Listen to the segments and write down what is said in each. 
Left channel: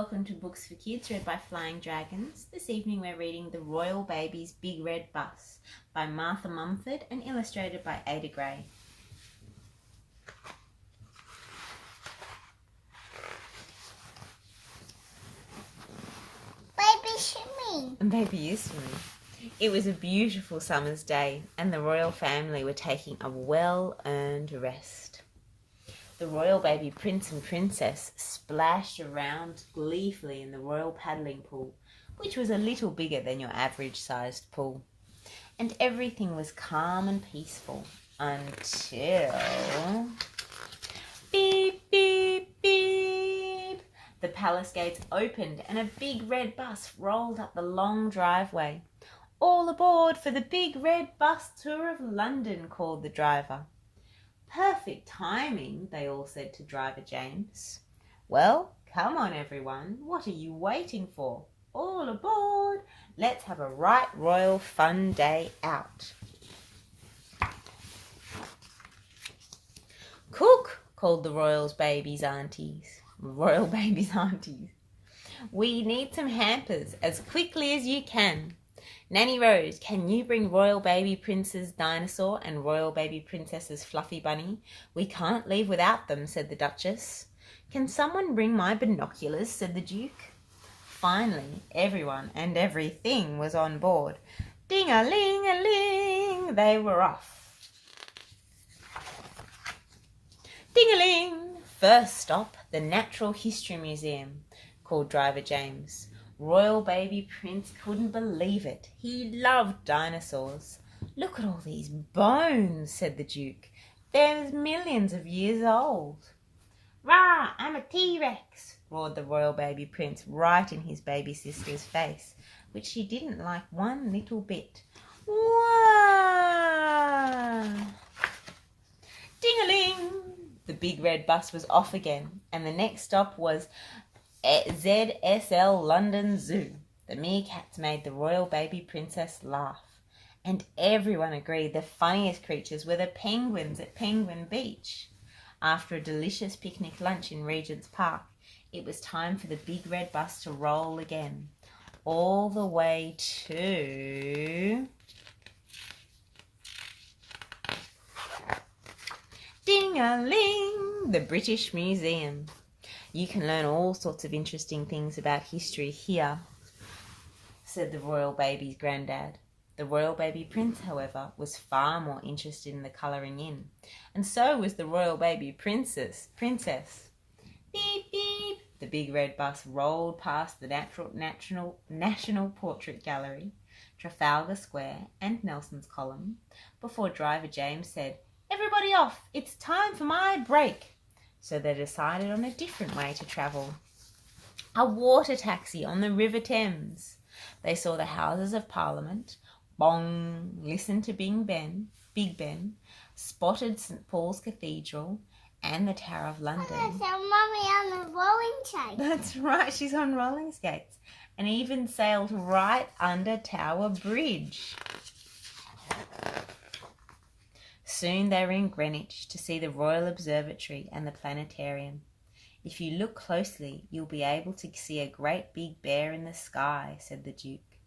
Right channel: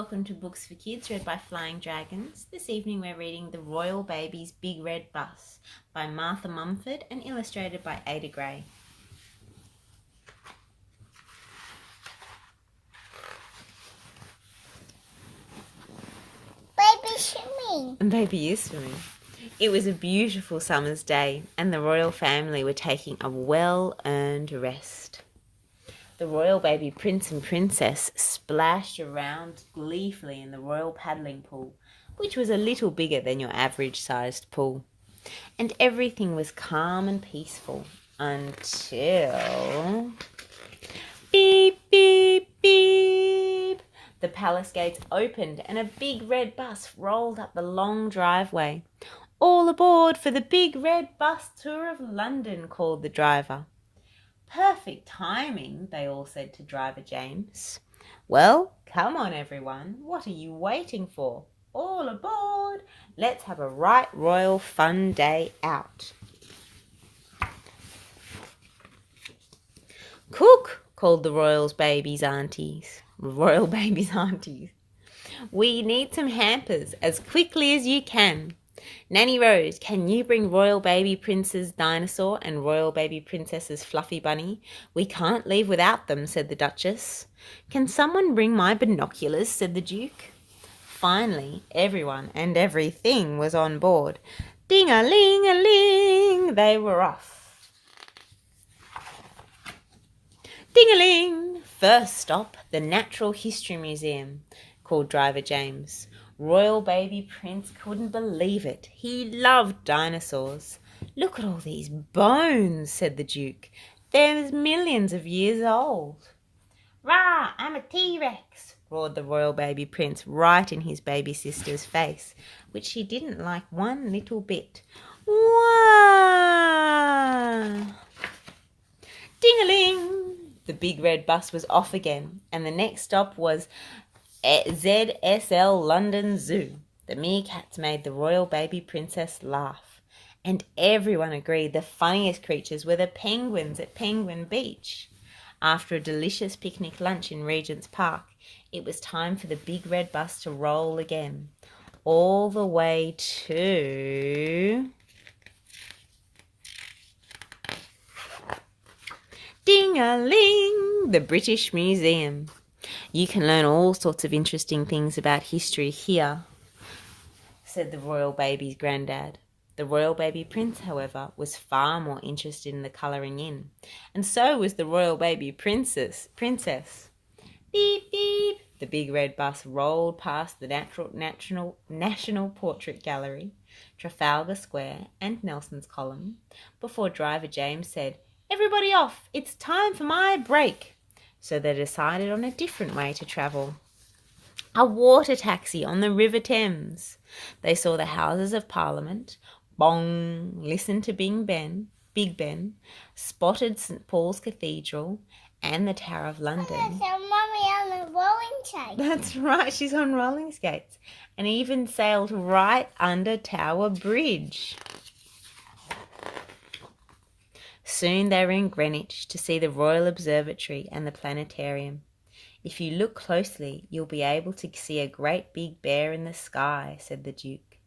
Welcome to Books for Kids, read by Flying Dragons. This evening we're reading The Royal Baby's Big Red Bus by Martha Mumford and illustrated by Ada Gray. Baby swimming. And baby is swimming. It was a beautiful summer's day and the royal family were taking a well-earned rest. The royal baby prince and princess splashed around gleefully in the royal paddling pool, which was a little bigger than your average-sized pool. And everything was calm and peaceful until... Beep, beep, beep! The palace gates opened and a big red bus rolled up the long driveway. "All aboard for the big red bus tour of London," called the driver. "Perfect timing," they all said to driver James. "Well, come on everyone, what are you waiting for? All aboard! Let's have a right royal fun day out." "Cook," called the royal baby's aunties. "We need some hampers as quickly as you can. Nanny Rose, can you bring royal baby Prince's dinosaur and royal baby princess's fluffy bunny? We can't leave without them," said the Duchess. "Can someone bring my binoculars?" said the Duke. Finally, everyone and everything was on board. Ding-a-ling-a-ling, they were off. Ding-a-ling! First stop, the Natural History Museum, called driver James. Royal baby Prince couldn't believe it. He loved dinosaurs. "Look at all these bones," said the Duke. "They're millions of years old." "Rah, I'm a T-Rex," roared the royal baby Prince right in his baby sister's face, which she didn't like one little bit. Wah! Ding-a-ling! The big red bus was off again, and the next stop was ZSL London Zoo. The meerkats made the royal baby princess laugh, and everyone agreed the funniest creatures were the penguins at Penguin Beach. After a delicious picnic lunch in Regent's Park, it was time for the big red bus to roll again, all the way to... Ding-a-ling! The British Museum. "You can learn all sorts of interesting things about history here," said the royal baby's grandad. The royal baby prince, however, was far more interested in the colouring in, and so was the royal baby princess. Beep, beep! The big red bus rolled past the National Portrait Gallery, Trafalgar Square and Nelson's Column, before driver James said, "Everybody off, it's time for my break." So they decided on a different way to travel. A water taxi on the River Thames. They saw the Houses of Parliament, bong, listened to Big Ben, spotted St Paul's Cathedral and the Tower of London. So Mummy on a rolling skates. That's right, she's on rolling skates, and even sailed right under Tower Bridge. Soon they were in Greenwich to see the Royal Observatory and the planetarium. "If you look closely, you'll be able to see a great big bear in the sky," said the Duke.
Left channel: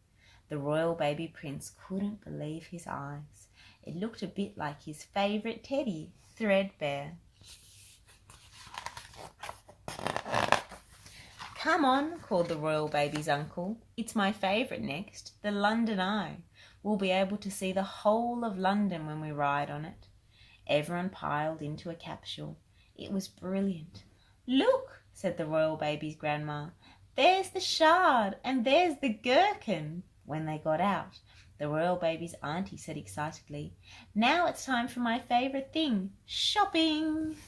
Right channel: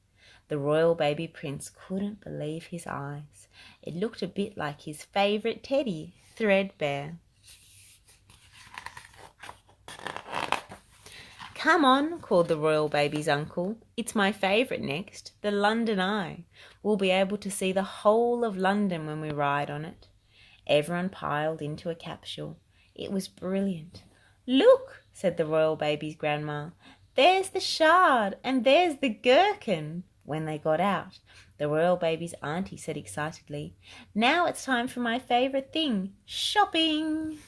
The royal baby prince couldn't believe his eyes. It looked a bit like his favourite teddy, Threadbare. "Come on," called the royal baby's uncle. "It's my favourite next, the London Eye. We'll be able to see the whole of London when we ride on it." Everyone piled into a capsule. It was brilliant. "Look," said the royal baby's grandma. "There's the Shard and there's the Gherkin." When they got out, the royal baby's auntie said excitedly, "Now it's time for my favourite thing, shopping."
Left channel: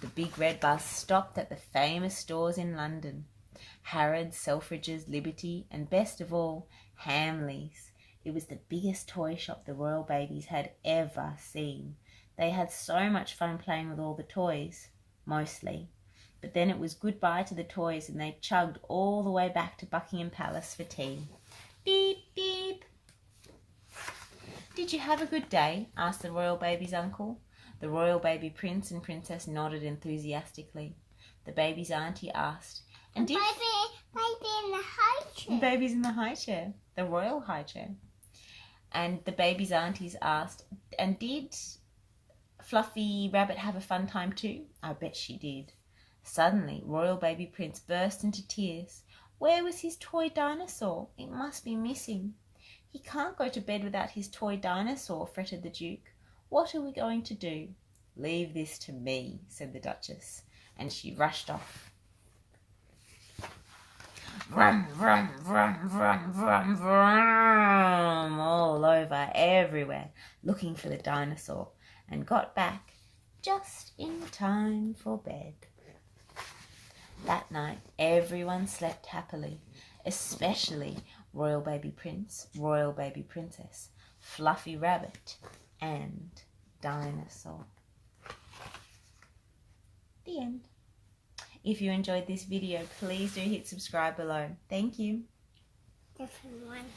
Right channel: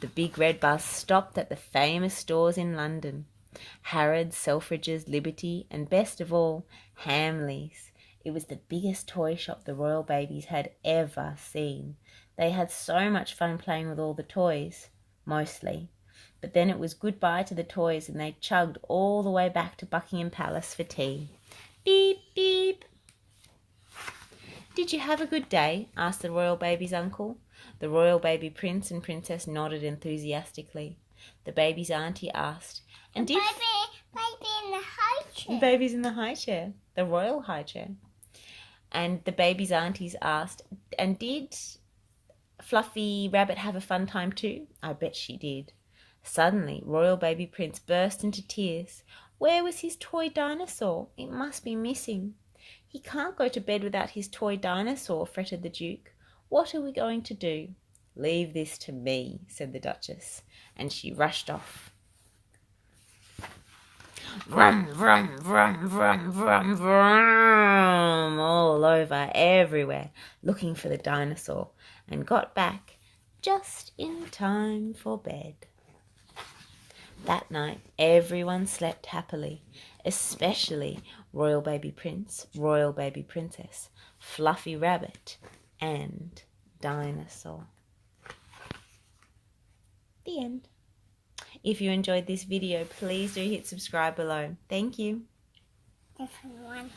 The big red bus stopped at the famous stores in London. Harrods, Selfridges, Liberty, and best of all, Hamley's. It was the biggest toy shop the royal babies had ever seen. They had so much fun playing with all the toys, mostly. But then it was goodbye to the toys and they chugged all the way back to Buckingham Palace for tea. Beep, beep. "Did you have a good day?" asked the royal baby's uncle. The royal baby prince and princess nodded enthusiastically. The baby's auntie asked, "And The did baby in the high chair. baby's in the high chair, the royal high chair?" And the baby's aunties asked, "And did Fluffy Rabbit have a fun time too?" "I bet she did." Suddenly, royal baby prince burst into tears. Where was his toy dinosaur? It must be missing. "He can't go to bed without his toy dinosaur," fretted the Duke. "What are we going to do?" "Leave this to me," said the Duchess, and she rushed off. Vroom, vroom, vroom, vroom, vroom, vroom, all over, everywhere, looking for the dinosaur, and got back just in time for bed. That night, everyone slept happily, especially Royal Baby Prince, Royal Baby Princess, Fluffy Rabbit, and Dinosaur. The end. If you enjoyed this video, please do hit subscribe below. Thank you. Different one.